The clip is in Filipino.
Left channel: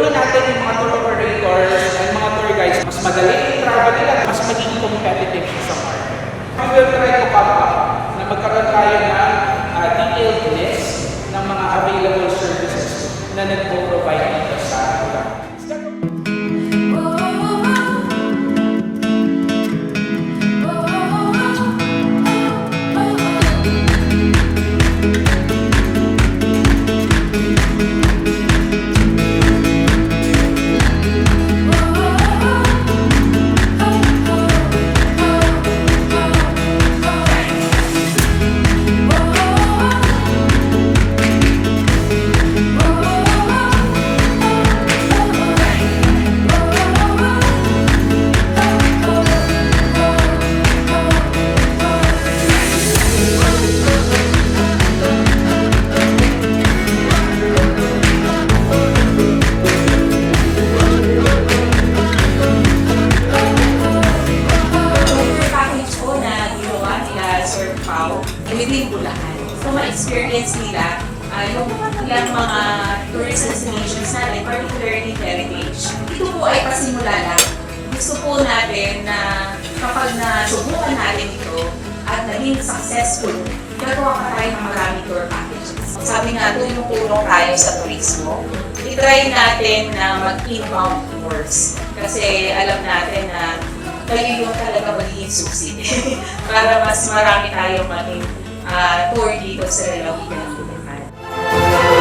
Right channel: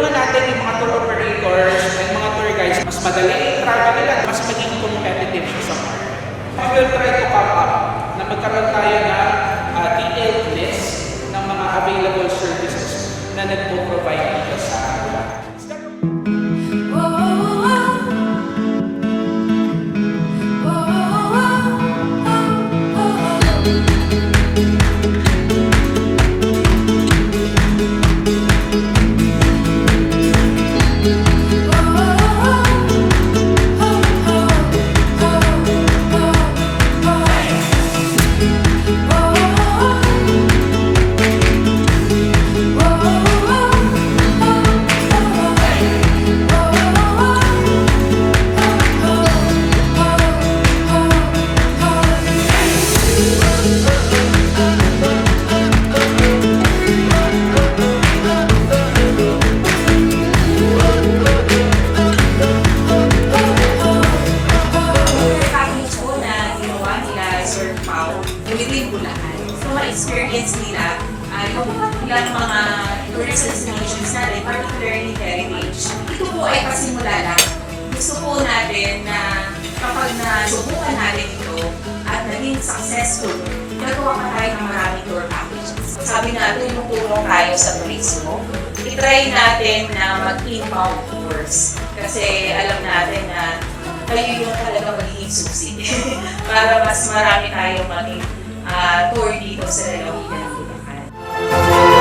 Tulungan natin yung mga tour operators and mga tour guides mas madali yung travel nila, mas maging competitive siya sa market. We will try to come up na magkaroon tayo ng ah, detailed list ng mga available services na nagpo-provide within Bulacan. So, ma-experience nila ah, yung ilang mga tourist destinations natin, particularly heritage. Ito po ay pasimula lang. Gusto po natin na kapag nasubukan natin ito at naging successful, gagawa pa tayo ng maraming tour packages. Sabi nga, tulong-tulong tayo sa turismo. I-try natin na mag-inbound tours. Kasi alam natin na kayo yung talaga magiging susi para mas marami tayong maging uh, tour dito sa lalawigan ng Bulacan.